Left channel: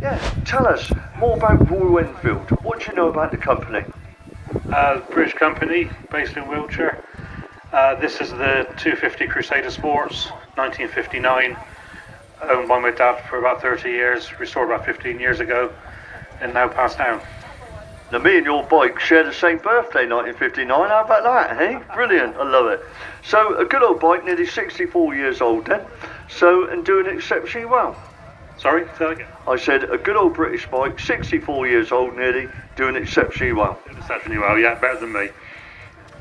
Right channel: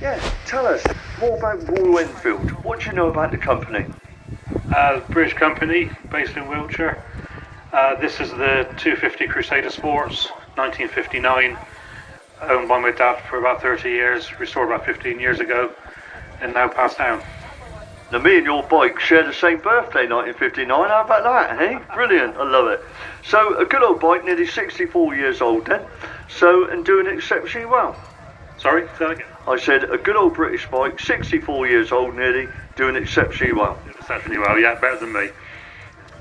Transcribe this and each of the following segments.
Yeah, tell us more about Brough Enfield. What do you know about the company? British company based in Wiltshire. This is the 250 Crusader Sports, 1959, owned by my dad for about 30 years, restored about 15 years ago, and now passed down. Now, me and your bike share the same birthday, 1959. How about that, eh? Brilliant, I love it. So, a good old bike, nearly 64 years old then, and doing exceptionally well. Sorry, say that again? I said, a good old British bike, 64 years old nearly, doing exceptionally well. Exceptionally well, yeah, better than me.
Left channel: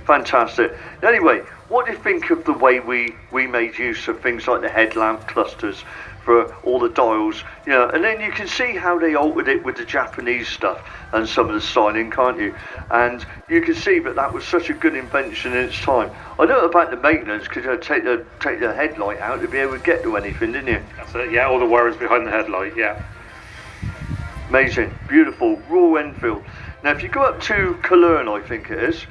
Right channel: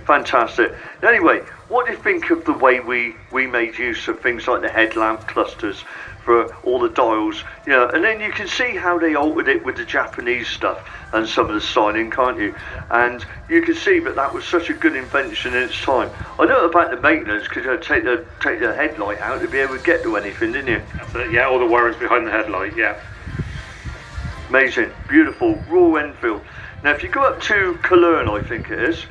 Fantastic. Anyway, what do you think of the way we made use of things like the headlamp clusters for all the dials? You know, and then you can see how they altered it with the Japanese stuff and some of the styling, can't you? And you can see that was such a good invention in its time. I know about the maintenance because you take the headlight out to be able to get to anything, didn't you? That's it, yeah, all the wires behind the headlight, yeah. Amazing, beautiful, Brough Enfield. Now, if you go up to Clyno, I think it is,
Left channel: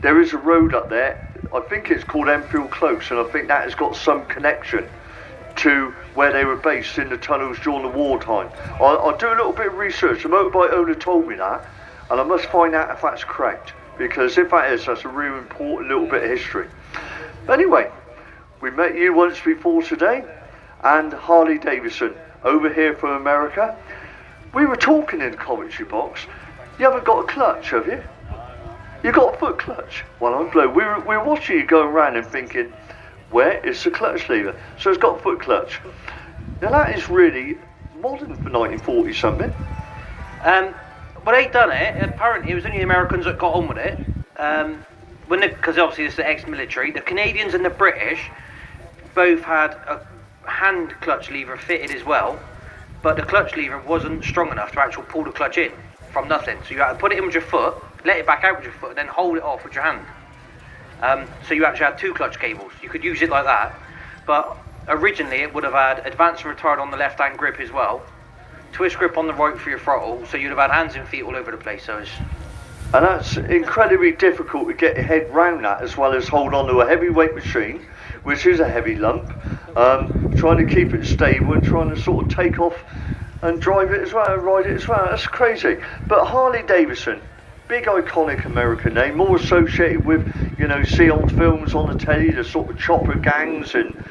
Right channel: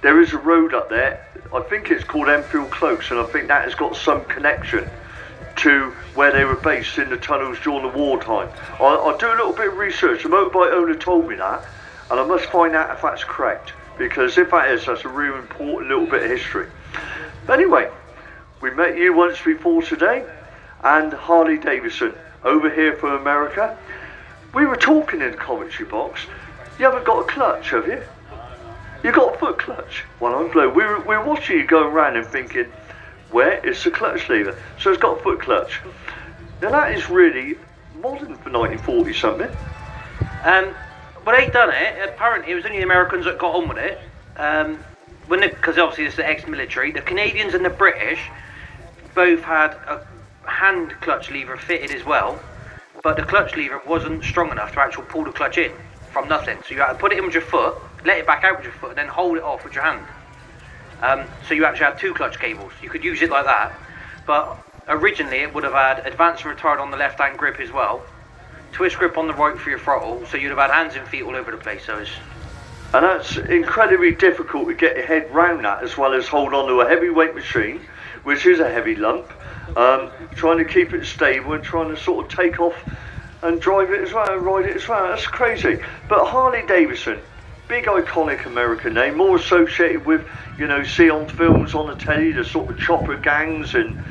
there is a road up there. I think it's called Enfield Close, and I think that has got some connection to where they were based in the tunnels during the wartime. I'll do a little bit of research. The motorbike owner told me that, and I must find out if that's correct, because if that is, that's a really important little bit of history. Anyway, we met you once before today, and Harley-Davidson over here from America. We were talking in the commentary box. You haven't got a clutch, have you? You got a foot clutch? Well, I'm glad. We were watching you going around and thinking, where is the clutch lever? So it's got a foot clutch. Now that is really modern for 1940 something. But they done it. Apparently, it was only the Americans that got on with it. Because obviously it's the ex-military. The Canadians and the British both had a hand clutch lever fitted as well, but the clutch lever wasn't strong enough to actually pull the clutch in from nothing. So you had to put it in with your foot, let it back out with your foot, and then hold it off with your hand. So you actually had two clutch cables. You could use it like that, but originally it would have had advance and retard on the left hand grip as well, twist grip on the right for your throttle, so you'd have had hands and feet all over the place. And that's incredibly difficult to get your head round that, as well as hold on to a heavyweight machine, which is a heavy lump, trying to keep it stable and trying to sort of take off and drive it as well, and ride it as well. That's crazy. But Harley-Davidson, big iconic American name, more associated with, you know, see on films on the telly, the sort of chopper gangs and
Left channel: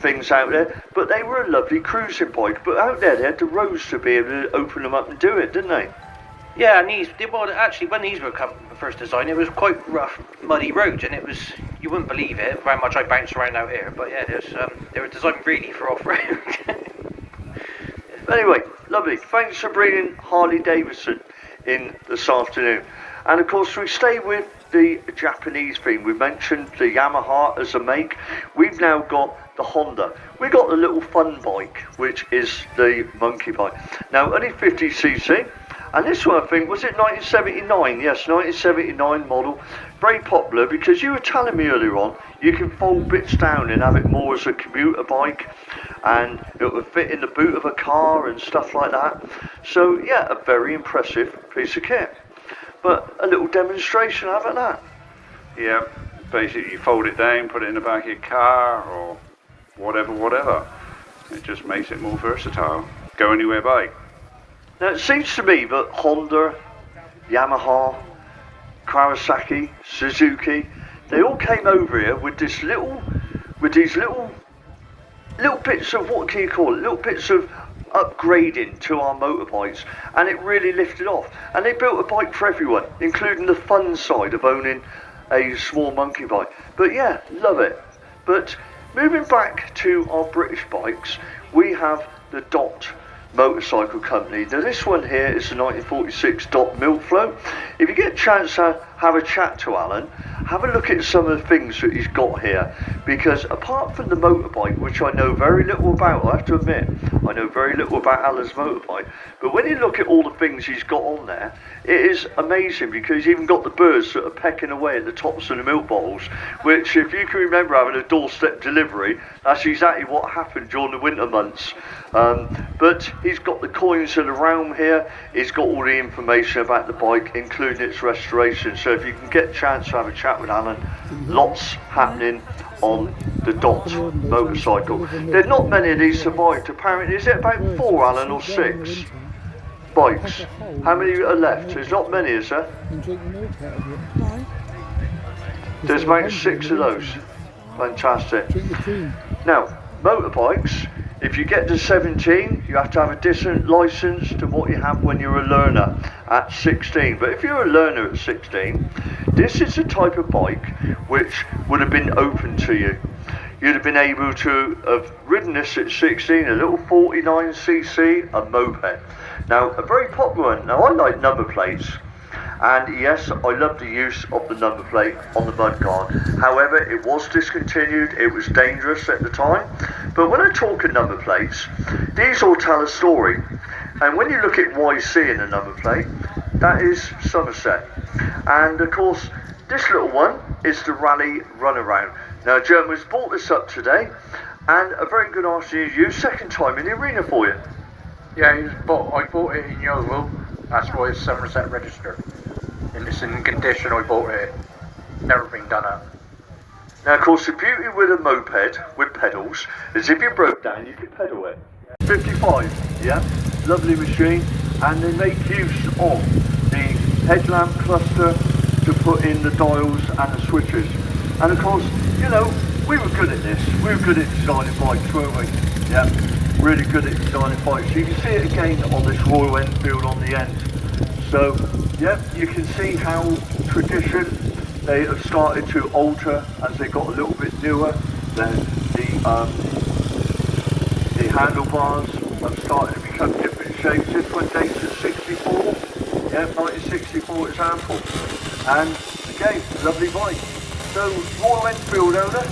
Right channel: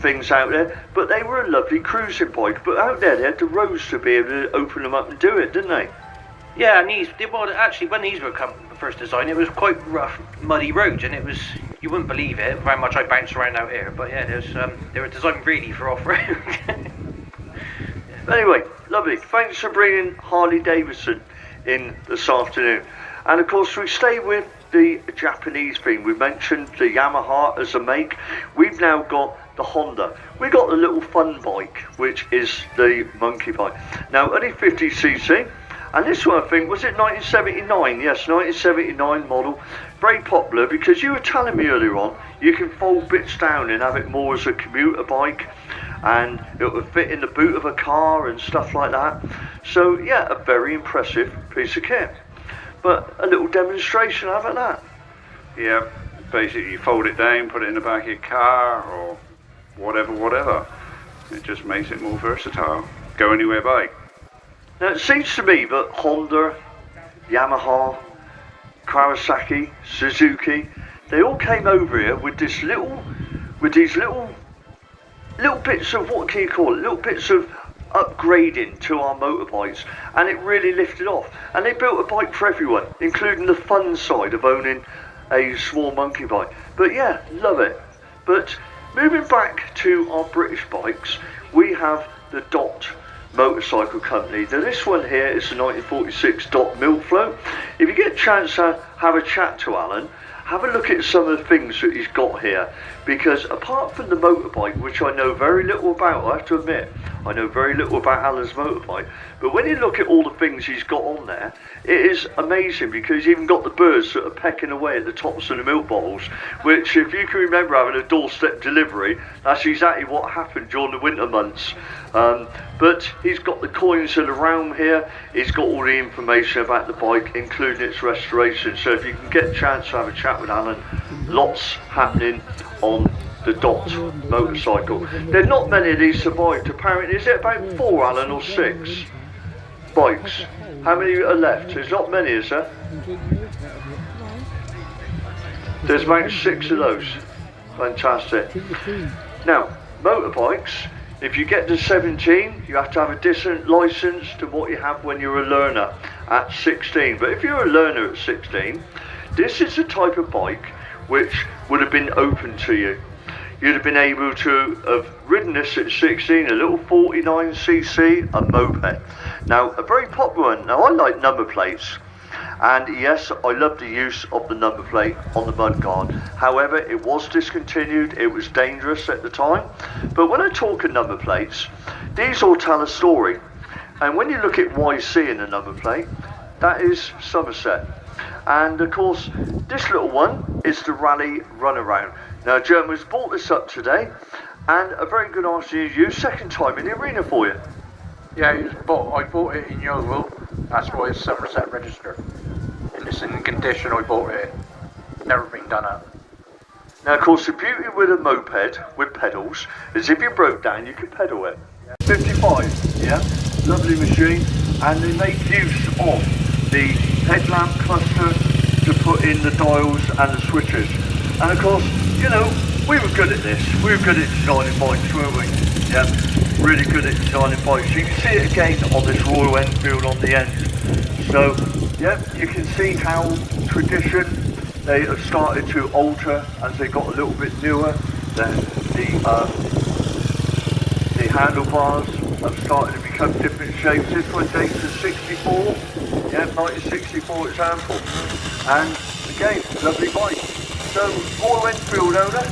things out there. But they were a lovely cruising bike. But out there, they had the roads to be able to open them up and do it, didn't they? yeah, and actually when these were first designed, it was quite rough, muddy roads, and it was, you wouldn't believe it how much I bounced around out here. But yeah, they were designed really for off-road. Anyway, lovely. Thanks for bringing Harley-Davidson in this afternoon. And of course, we stay with the Japanese theme. We mentioned the Yamaha as a make. We've now got the Honda. We got the little fun bike, which is the monkey bike. Now, only 50cc. And this one, I think, was it 1979? Yes, 1979 model. Very popular because you were telling me earlier on, you can fold bits down and have it more as a commuter bike. And it would fit in the boot of a car and stuff like that. So, yeah, a very impressive piece of kit. But a little demonstration of it, that. Yeah, basically you fold it down, put it in the back of your car or whatever. It just makes it more versatile. Go anywhere by. Now it seems to me that Honda, Yamaha, Kawasaki, Suzuki, they all came over here with these little bits of, what can you call it, little bits of upgrading to our motorbikes, and it really lifted off. And they built a bike for everyone, including the fun side of owning a small monkey bike. But yeah, love it. But moving back to our British bikes, we have the Dot Motorcycle Company. Now this one here is the 1946 Dot Milflow. If you get a chance to have a chat to Alan, have a look at some of the things that he's got here, because apart from the motorbike, which I know very little about, I have to admit, I know very little about Alan's motorbike, but when you look at all the things he's got on there, it is amazing, because he's even got the birds that are pecking away at the tops of the milk bottles, which, if you can remember having a doorstep delivery, that's exactly what happened during the winter months. But he's got the coins of the realm here, he's got all the information about the bike, including its restoration. So if you can get a chance to have a chat with Alan, lots happening on the Dot motorcycle. There's not many of these survived apparently. Is it about 4, Alan, or 6? bikes. How many are left? There's not many, is there? There's about 6 of those. Fantastic. Now, motorbikes, if you get to 17, you have to have a different licence to what you have when you're a learner at 16. But if you're a learner at 16, this is the type of bike which would have been open to you. You'd have been able to have ridden this at 16, a little 49cc, a moped. Now, a very popular one. Now, I like number plates. And yes, I love the use of the number plate on the Baughan. However, it was discontinued, it was dangerous at the time. But when I talk of number plates, these all tell a story. And when you look at YC in a number plate, that is Somerset. And of course, this little one is the Rally Runaround. Now, German's bought this up today, and a very good afternoon to you, second time in the arena for you. Yeah, I bought it in Yeovil, that's why it's Somerset registered. And it's in the condition I bought it, never been done up. Now, of course, the beauty with a moped with pedals is if you broke down, you could pedal it. 55, yeah, lovely machine, and they make use of the headlamp cluster to put in the dials and the switches. And of course, you know, we were good at this. We were good at designing bikes, weren't we? Yeah, really good at designing bikes. You can see it again on this Royal Enfield on the end. So, yeah, you can see how tradition, they have started to alter as they got a little bit newer. The handlebars have started to become different shapes. This one dates to 64, yeah, 1964 example. And again, lovely bike. So, Royal Enfield owner,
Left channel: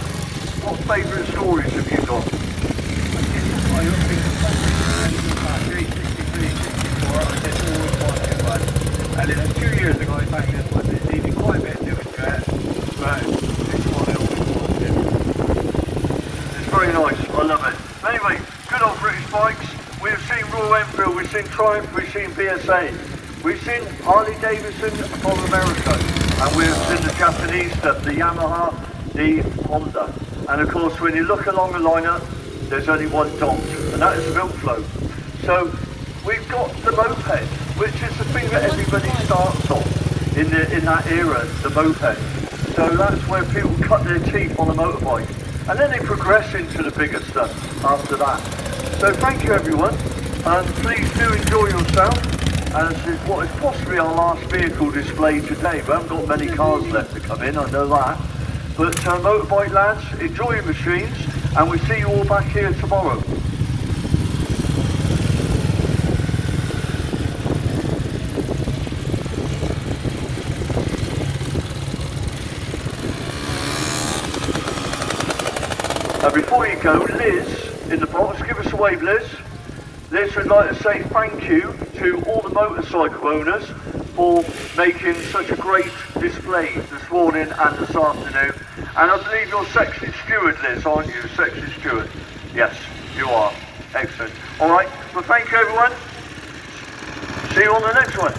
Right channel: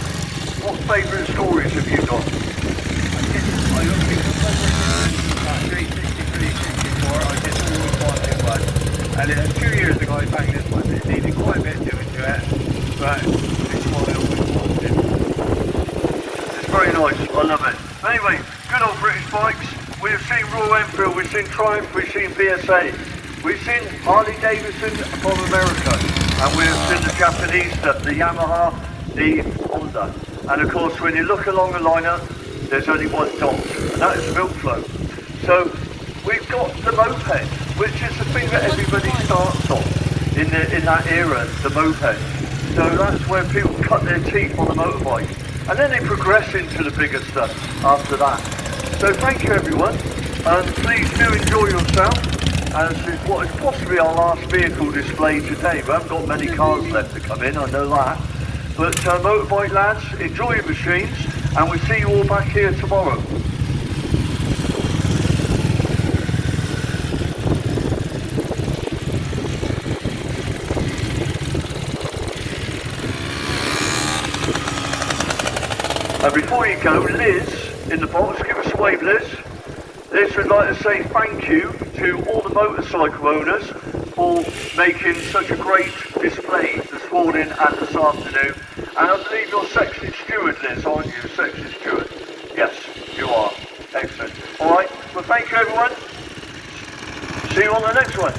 what favourite stories have you got? I guess all the time. And then a few years ago, I found this one. It needed quite a bit doing to it, but it's what I always wanted. It's very nice, I love it. Anyway, good old British bikes. We've seen Royal Enfield, we've seen Triumph, we've seen BSA, we've seen Harley-Davidson from America, and we've seen the Japanese stuff, the Yamaha, the Honda. And of course, when you look along the lineup, there's only one dot, and that is Wiltshire. So we've got the moped, which is the thing that everybody starts on in that era, the moped. So that's where people cut their teeth on the motorbike. And then they progress into the bigger stuff after that. So thank you everyone. Please do enjoy yourself. As what is possibly our last vehicle display today. We haven't got many cars left to come in, I know that. But motorbike lads, enjoy your machines, and we'll see you all back here tomorrow. Now before you go, Liz in the box, give us a wave, Liz. Liz would like to say thank you to all the motorcycle owners for making such a great display this morning and this afternoon. And I believe you're section steward, Liz, aren't you? Section steward. Yes, you are. Excellent. All right. Well, thank you, everyone. See you on the next one.